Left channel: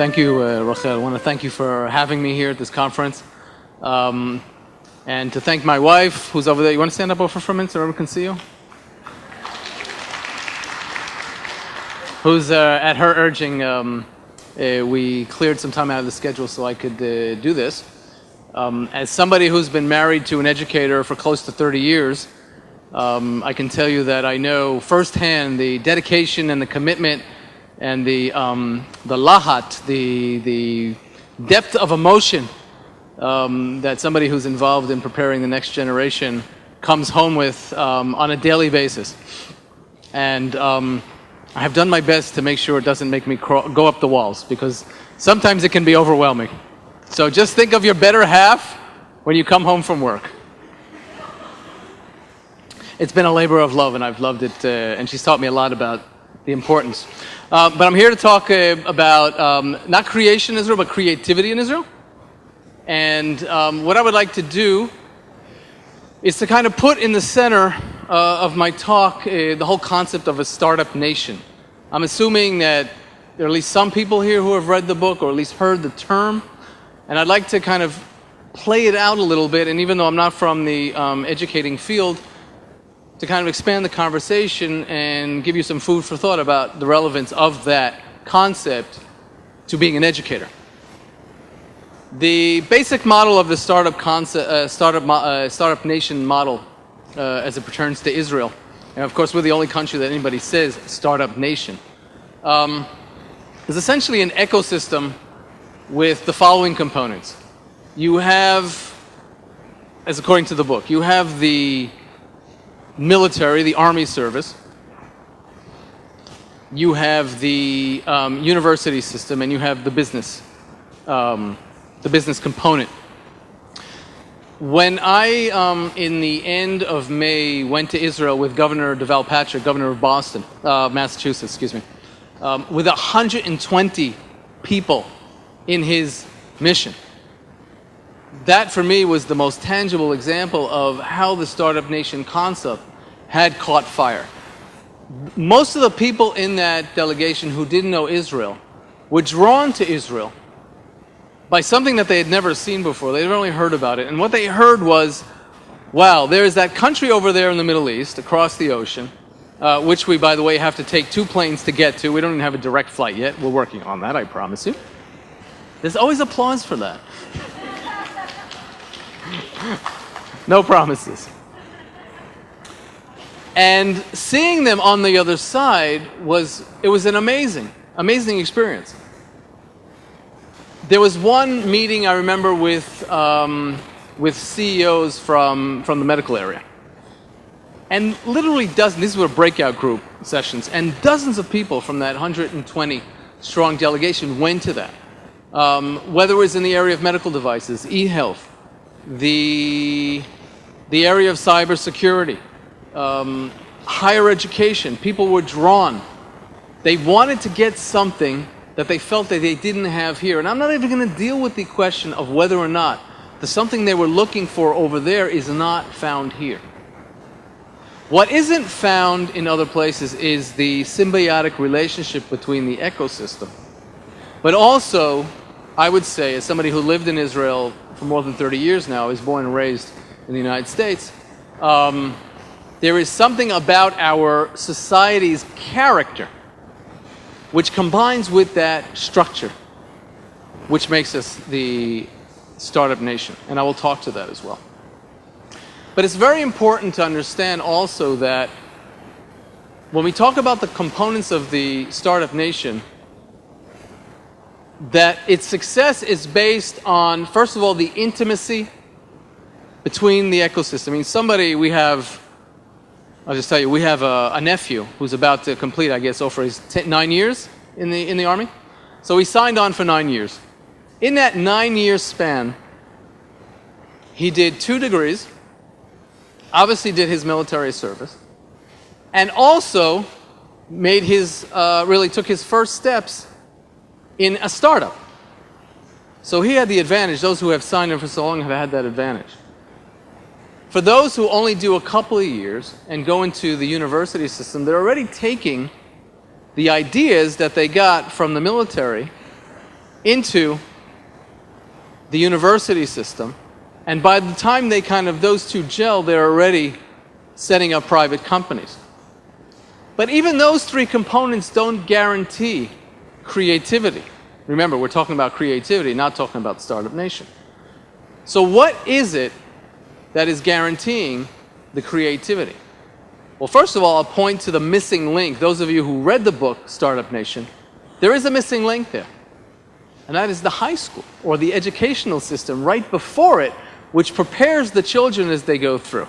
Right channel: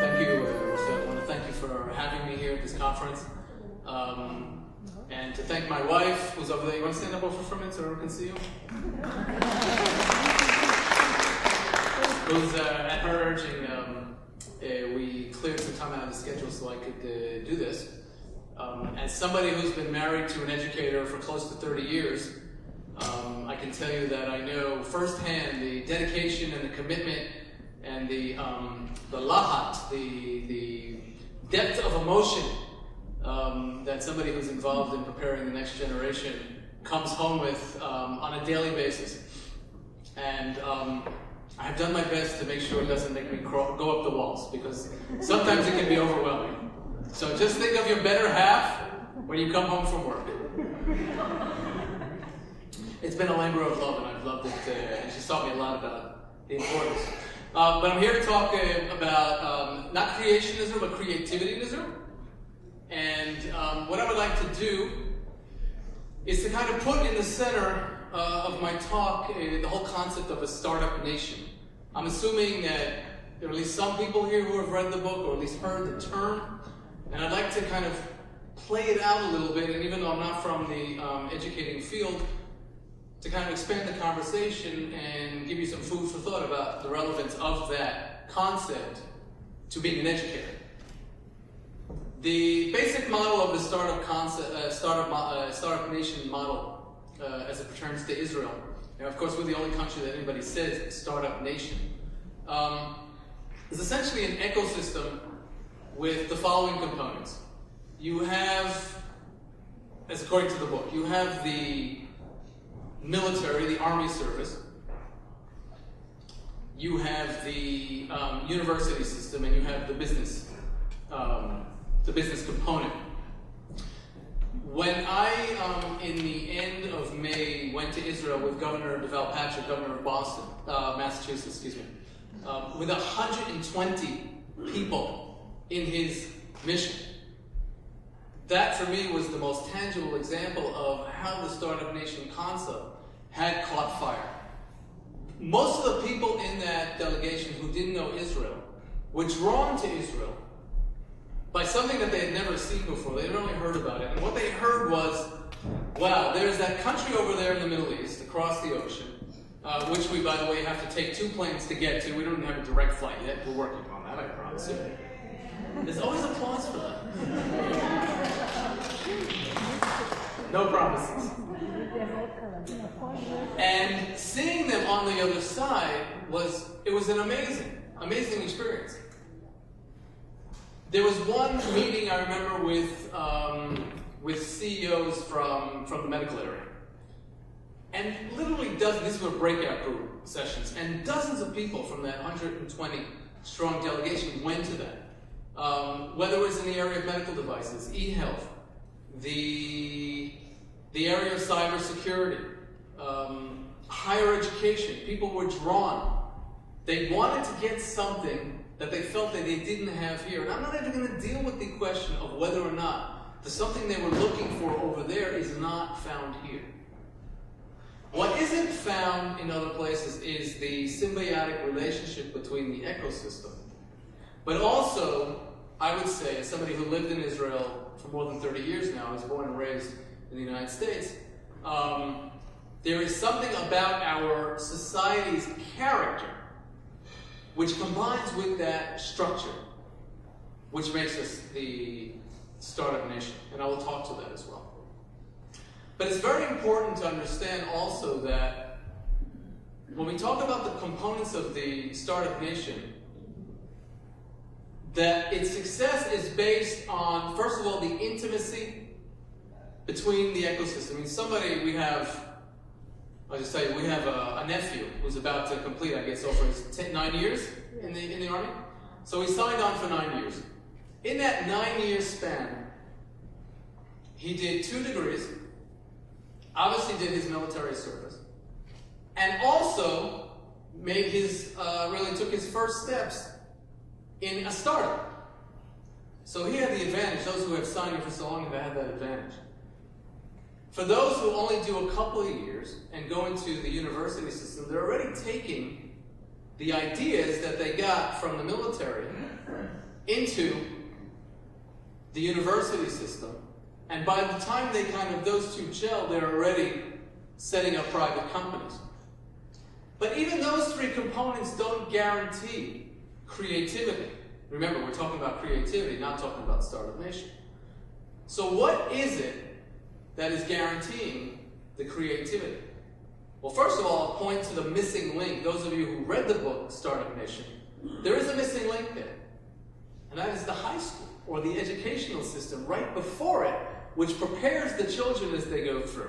Thank you, Rachel. I want to thank you for having me here at this conference. And to thank my wife, who's over there. You want to stand up over for a minute so everyone can see you? Who's, at her urging, we cleared some time out of the schedule so I could do this. As somebody who's been married to an educator for close to 30 years, I can tell you that I know firsthand the dedication and the commitment and the lahat, the depth of emotion that somebody who's involved in preparing the next generation comes home with on a daily basis. And I have done my best to make sure it doesn't make me go up the walls, because sometimes it can be overwhelming. So just think of your better half when you come home from work. It's been a labor of love, and I've loved it, and she's taught me a lot about the importance. But I'm here to talk about not creation in Israel, but creativity in Israel. And what I would like to do is to kind of put in the center of my talk the whole concept of a startup nation. I'm assuming that there are at least some people here who have read the book or at least heard the term. And I'd like to kind of play it out a little bit, and even though I'm not from the educating field, to kind of expand the conversation and give you some food for thought about the relevance of that concept to being an educator. The basic model of the startup nation model as it pertains to Israel, and of course we're the only country that anybody says startup nation, is essentially an ecosystem with the following components. You have, as according to the book, you have the military, the army service. You have the university system, and you have the business component. When I, in the end of May, went to Israel with Governor Deval Patrick, governor of Boston, Massachusetts, excuse me, with 120 people in his mission. That, for me, was the most tangible example of how the startup nation concept had caught fire. Most of the people in that delegation who didn't know Israel were drawn to Israel by something that they had never seen before. They had only heard about it. And what they heard was, wow, there's that country over there in the Middle East, across the ocean, which we, by the way, have to take 2 planes to get to. We don't even have a direct flight yet. We're working on that, I promise you. There's always applause for that. No promises. And seeing them on the other side was an amazing experience. There was one meeting I remember with CEOs from the medical area. And literally dozens, these were breakout group sessions, and dozens of people from that 120 strong delegation went to that. Whether it was in the area of medical devices, e-health, the area of cybersecurity, higher education, people were drawn. They wanted to get something that they felt that they didn't have here. And I'm not even going to deal with the question of whether or not the something they were looking for over there is not found here. What isn't found in other places is the symbiotic relationship between the ecosystem. But also, I would say, as somebody who lived in Israel for more than 30 years now, is born and raised in the United States, there is something about our society's character which combines with that structure, which makes us the startup nation. And I will talk to that as well. But it's very important to understand also that when we talk about the components of the startup nation, that its success is based on, first of all, the intimacy between the ecosystem. I mean, I'll just tell you, we have a nephew who's about to complete, I guess, over his 9 years in the Army. So he signed on for 9 years. In that 9-year span, he did 2 degrees, obviously did his military service, and also made really took his first steps in a startup. So he had the advantage. Those who have signed on for so long have had that advantage. For those who only do a couple of years and go into the university system, they're already taking the ideas that they got from the military into the university system, and by the time those two gel, they're already setting up private companies. But even those three components don't guarantee creativity. Remember, we're talking about creativity, not talking about Startup Nation. So what is it that is guaranteeing the creativity? Well, first of all, I'll point to the missing link. Those of you who read the book, Startup Nation, there is a missing link there. And that is the high school, or the educational system right before it, which prepares the children as they go through.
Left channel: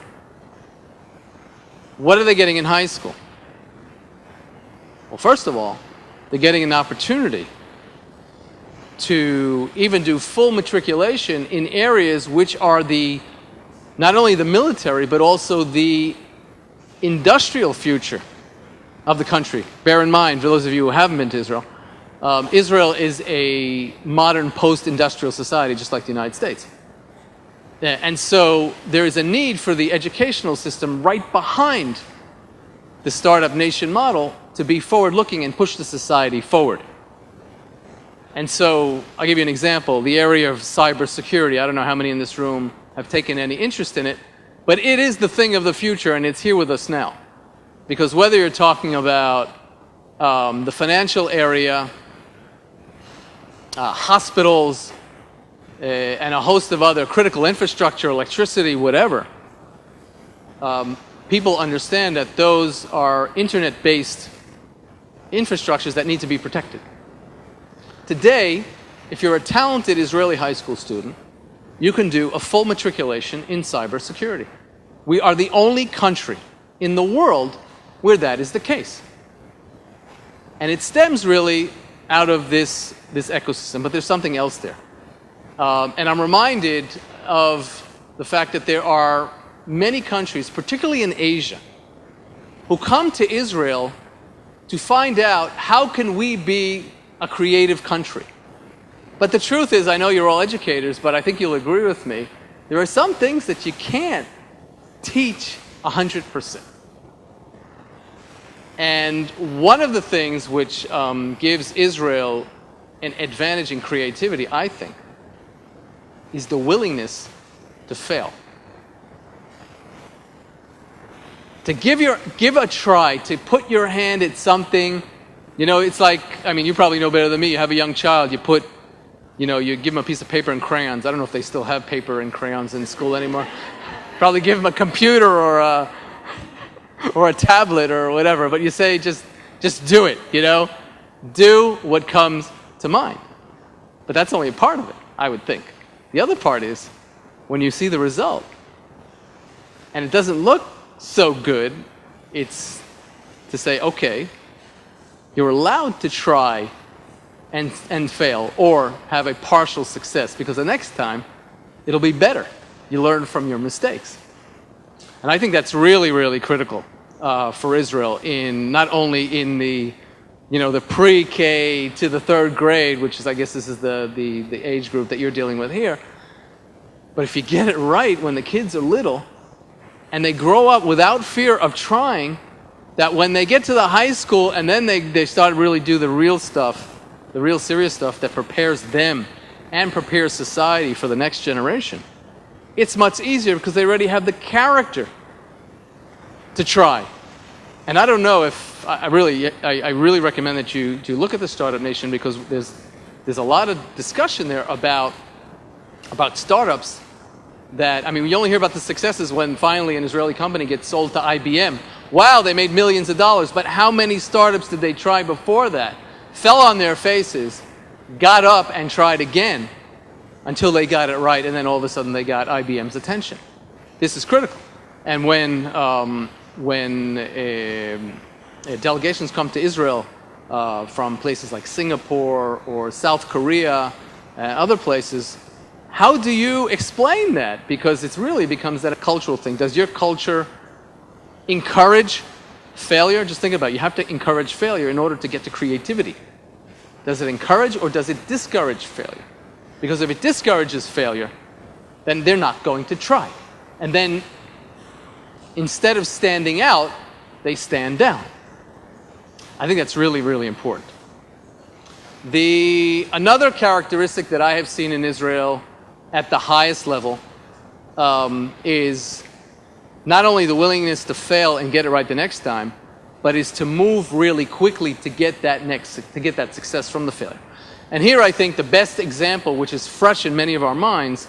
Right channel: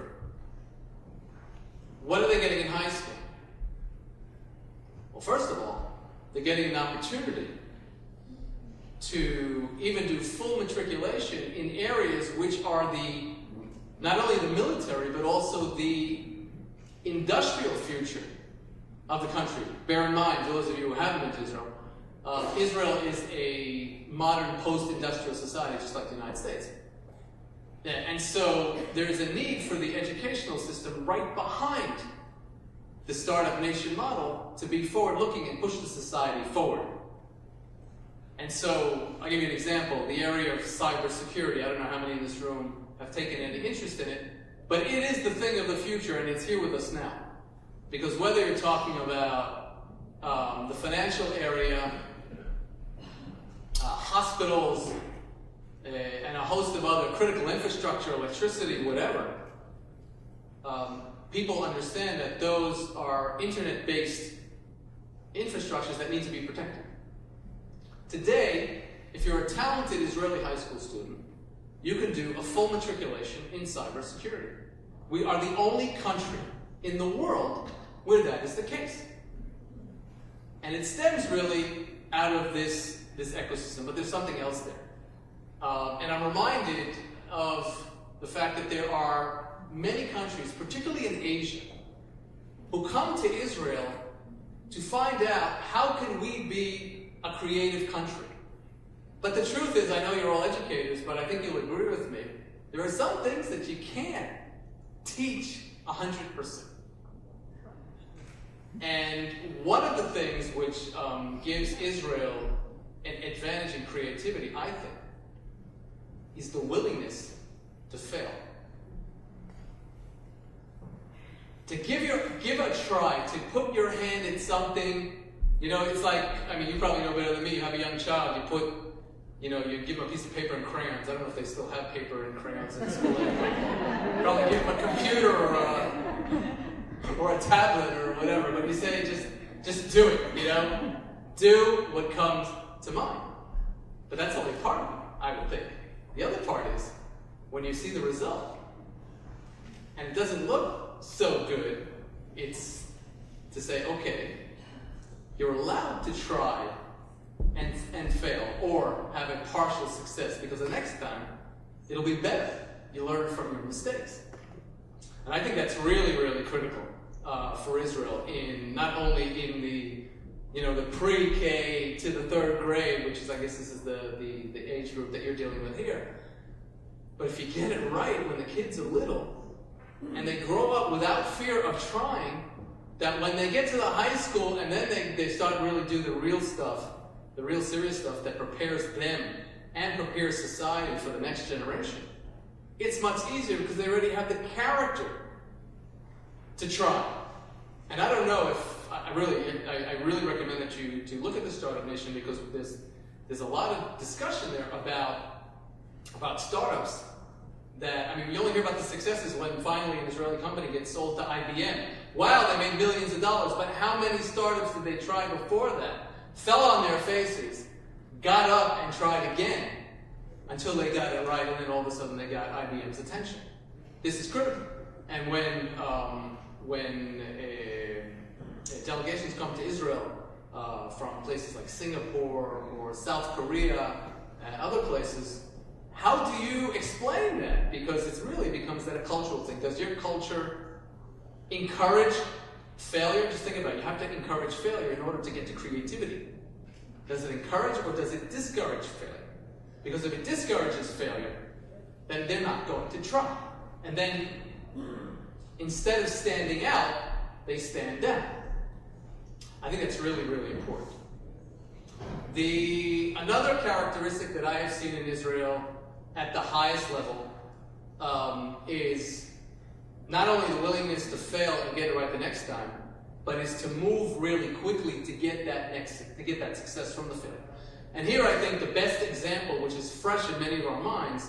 What are they getting in high school? Well, first of all, they're getting an opportunity to even do full matriculation in areas which are not only the military, but also the industrial future of the country. Bear in mind, for those of you who haven't been to Israel, Israel is a modern post-industrial society, just like the United States. And so there is a need for the educational system right behind the Startup Nation model to be forward-looking and push the society forward. And so I'll give you an example. The area of cybersecurity, I don't know how many in this room have taken any interest in it, but it is the thing of the future, and it's here with us now. Because whether you're talking about the financial area, hospitals, and a host of other critical infrastructure, electricity, whatever, people understand that those are internet-based infrastructures that need to be protected. Today, if you're a talented Israeli high school student, you can do a full matriculation in cybersecurity. We are the only country in the world where that is the case. And it stems really out of this ecosystem, but there's something else there. And I'm reminded of the fact that there are many countries, particularly in Asia, who come to Israel to find out how can we be a creative country. But the truth is, I know you're all educators, but I think you'll agree with me, there are some things that you can't teach 100%. And one of the things which gives Israel an advantage in creativity, I think, is the willingness to fail. To give a try, to put your hand at something. You know, it's like, I mean, you probably know better than me. You have a young child, you give them a piece of paper and crayons. I don't know if they still have paper and crayons in school anymore. Probably give them a computer or a tablet or whatever, but you say, just do it, Do what comes to mind. But that's only a part of it, I would think. The other part is when you see the result and it doesn't look so good, it's to say, okay, you're allowed to try and fail or have a partial success, because the next time it'll be better. You learn from your mistakes. And I think that's really, really critical for Israel, in not only in the pre-K to the third grade, which is, I guess this is the age group that you're dealing with here, but if you get it right when the kids are little and they grow up without fear of trying, that when they get to the high school and then they start to really do the real stuff, the real serious stuff that prepares them and prepares society for the next generation, it's much easier because they already have the character to try. And I don't know if I really recommend that you look at the Startup Nation, because there's a lot of discussion there about startups that, I mean, we only hear about the successes when finally an Israeli company gets sold to IBM. Wow, they made millions of dollars, but how many startups did they try before that? Fell on their faces, got up and tried again until they got it right, and then all of a sudden they got IBM's attention. This is critical. And when delegations come to Israel from places like Singapore or South Korea and other places, how do you explain that? Because it really becomes that a cultural thing. Does your culture encourage failure? Just think about it. You have to encourage failure in order to get to creativity. Does it encourage or does it discourage failure? Because if it discourages failure, then they're not going to try. And then instead of standing out, they stand down. I think that's really, really important. Another characteristic that I have seen in Israel at the highest level is not only the willingness to fail and get it right the next time, but is to move really quickly to get that success from the failure. And here I think the best example, which is fresh in many of our minds,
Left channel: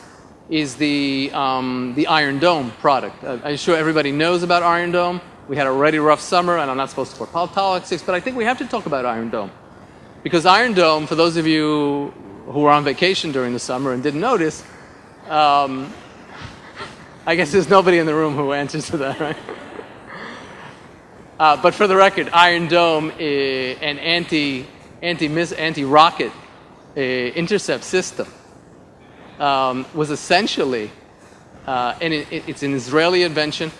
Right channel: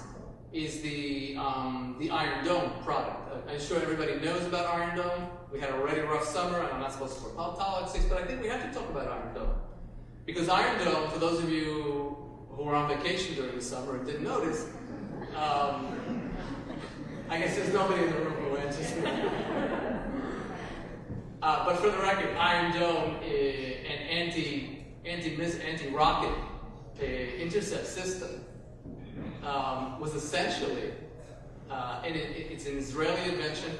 is the Iron Dome product. I'm sure everybody knows about Iron Dome. We had a already rough summer, and I'm not supposed to talk politics, but I think we have to talk about Iron Dome. Because Iron Dome, for those of you who were on vacation during the summer and didn't notice, I guess there's nobody in the room who answers to that, right? But for the record, Iron Dome, an anti-rocket intercept system, was essentially, and it's an Israeli invention,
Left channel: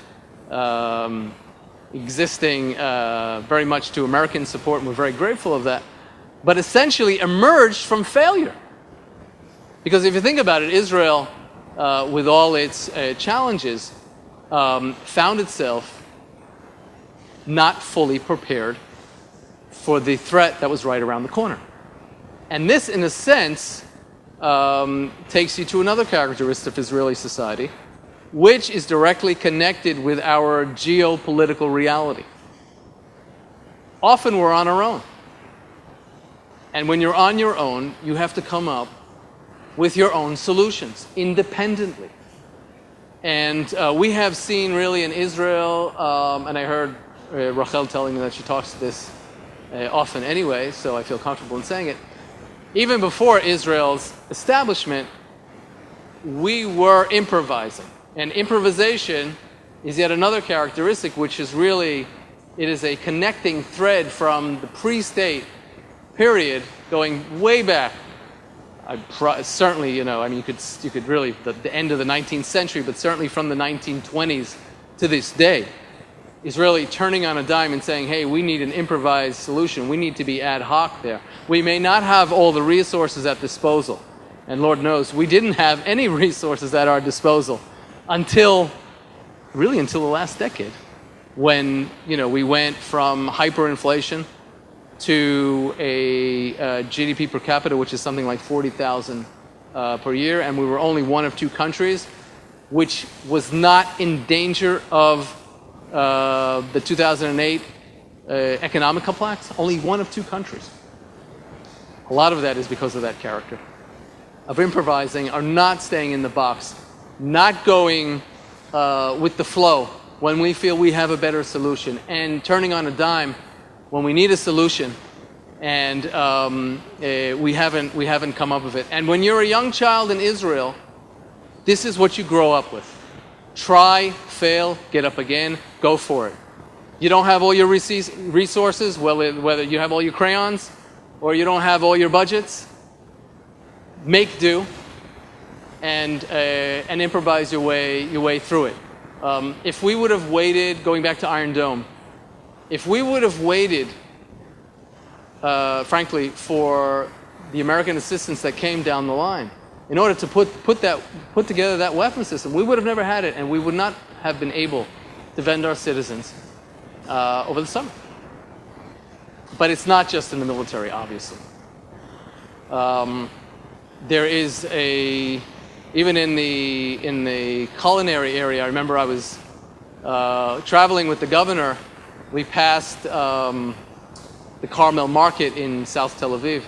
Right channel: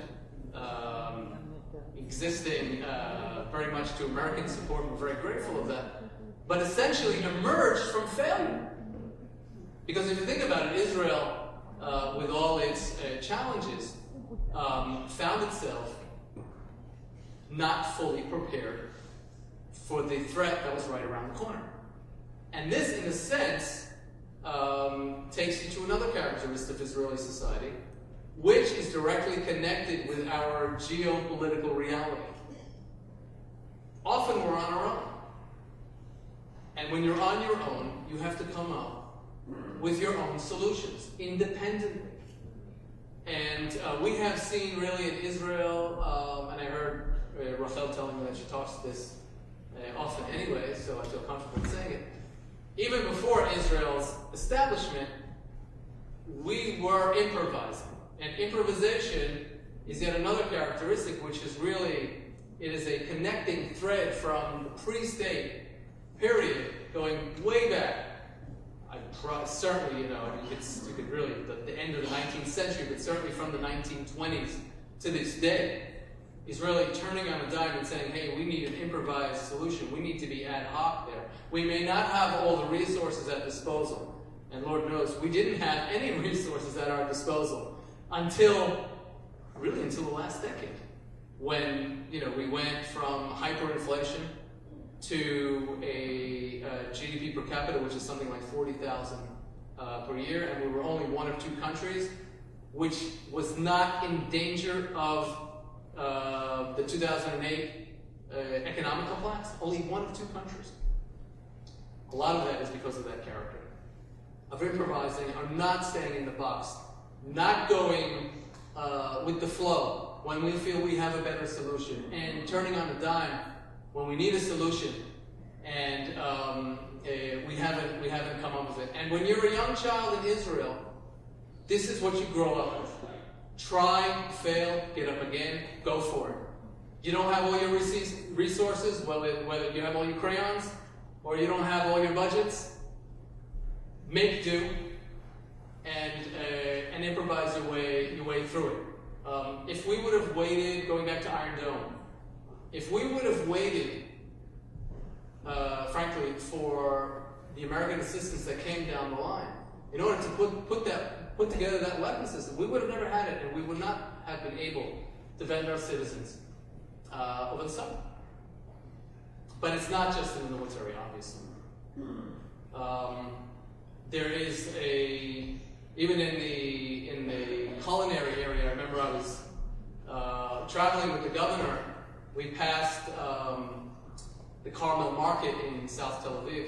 existing very much to American support, and we're very grateful of that, but essentially emerged from failure. Because if you think about it, Israel, with all its challenges, found itself not fully prepared for the threat that was right around the corner. And this, in a sense, takes you to another characteristic of Israeli society, which is directly connected with our geopolitical reality. Often we're on our own. And when you're on your own, you have to come up with your own solutions, independently. And we have seen really in Israel, and I heard Rachel telling me that she talks to this often anyway, so I feel comfortable in saying it. Even before Israel's establishment, we were improvising. And improvisation is yet another characteristic, which is really, it is a connecting thread from the pre-state period going way back. Certainly, you could really, the end of the 19th century, but certainly from the 1920s to this day, is really turning on a dime and saying, hey, we need an improvised solution. We need to be ad hoc there. We may not have all the resources at disposal. And Lord knows, we didn't have any resources at our disposal until the last decade, when, we went from hyperinflation to a GDP per capita, which is something like 40,000 per year, and we were only one of two countries which was not in danger of the 2008 economic collapse. Only one of two countries. A lot of that is because of that character of improvising, or not staying in the box, not going with the flow when we feel we have a better solution, and turning on a dime when we need a solution and we haven't come up with it. And when you're a young child in Israel, this is what you grow up with. Try, fail, get up again, go for it. You don't have all your resources, whether you have all your crayons or you don't have all your budgets, make do and improvise your way through it. If we would have waited, going back to Iron Dome, if we would have waited, frankly, for the American assistance that came down the line, in order to put together that weapon system, we would have never had it, and we would not have been able to defend our citizens over the summer. But it's not just in the military, obviously. There is even in the culinary area. I remember I was traveling with the governor. We passed the Carmel Market in South Tel Aviv.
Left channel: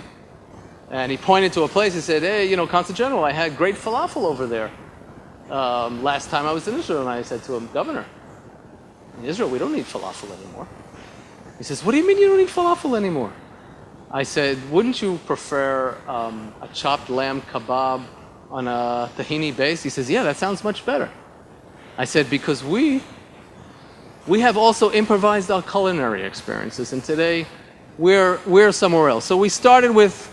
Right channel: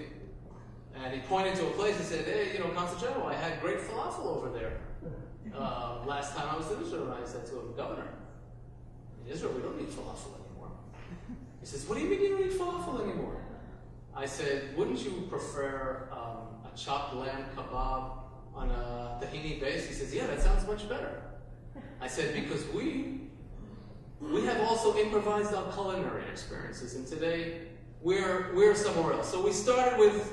And he pointed to a place. He said, hey, Consul General, I had great falafel over there last time I was in Israel. And I said to him, Governor, in Israel, we don't need falafel anymore. He says, what do you mean you don't need falafel anymore? I said, wouldn't you prefer a chopped lamb kebab on a tahini base? He says, yeah, that sounds much better. I said, because we have also improvised our culinary experiences, and today we're somewhere else. So we started with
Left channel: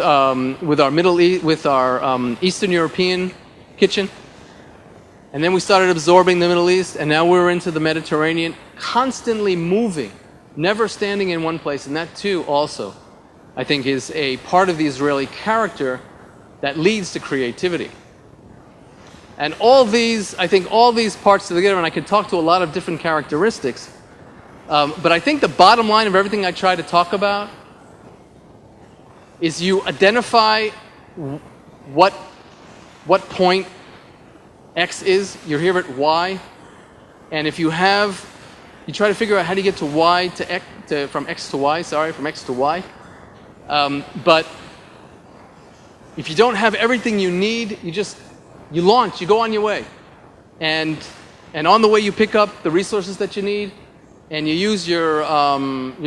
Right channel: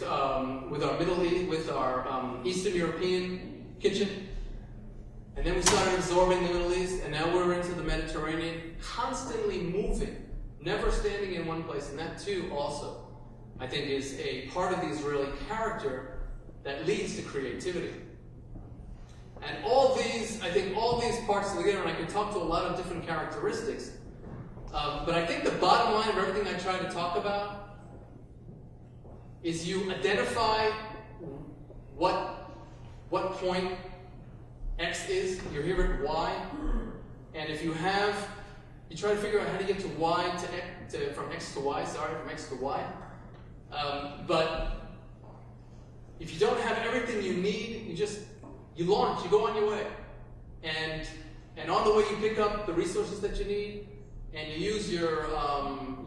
our Eastern European kitchen, and then we started absorbing the Middle East, and now we're into the Mediterranean, constantly moving, never standing in one place. And that too also, I think, is a part of the Israeli character that leads to creativity. And all these parts together, and I could talk to a lot of different characteristics, but I think the bottom line of everything I try to talk about is you identify what point X is. You're here at Y. And if you try to figure out how to get to Y to X, from X to Y, from X to Y. But if you don't have everything you need, you launch, you go on your way. And on the way you pick up the resources that you need, and you use your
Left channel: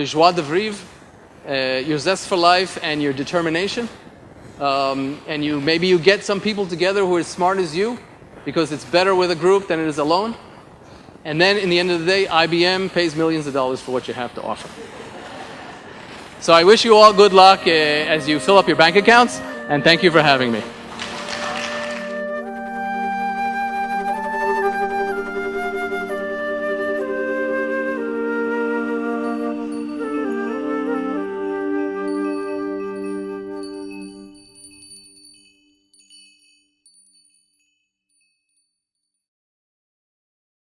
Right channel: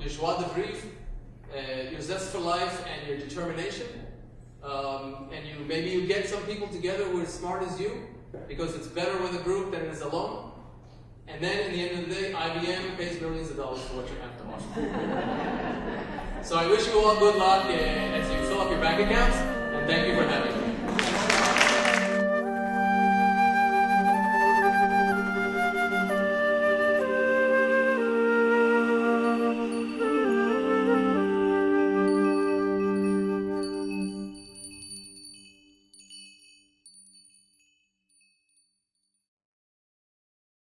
joie de vivre, your zest for life, and your determination. And maybe you get some people together who are as smart as you, because it's better with a group than it is alone. And then, in the end of the day, IBM pays millions of dollars for what you have to offer. So I wish you all good luck as you fill up your bank accounts, and thank you for having me.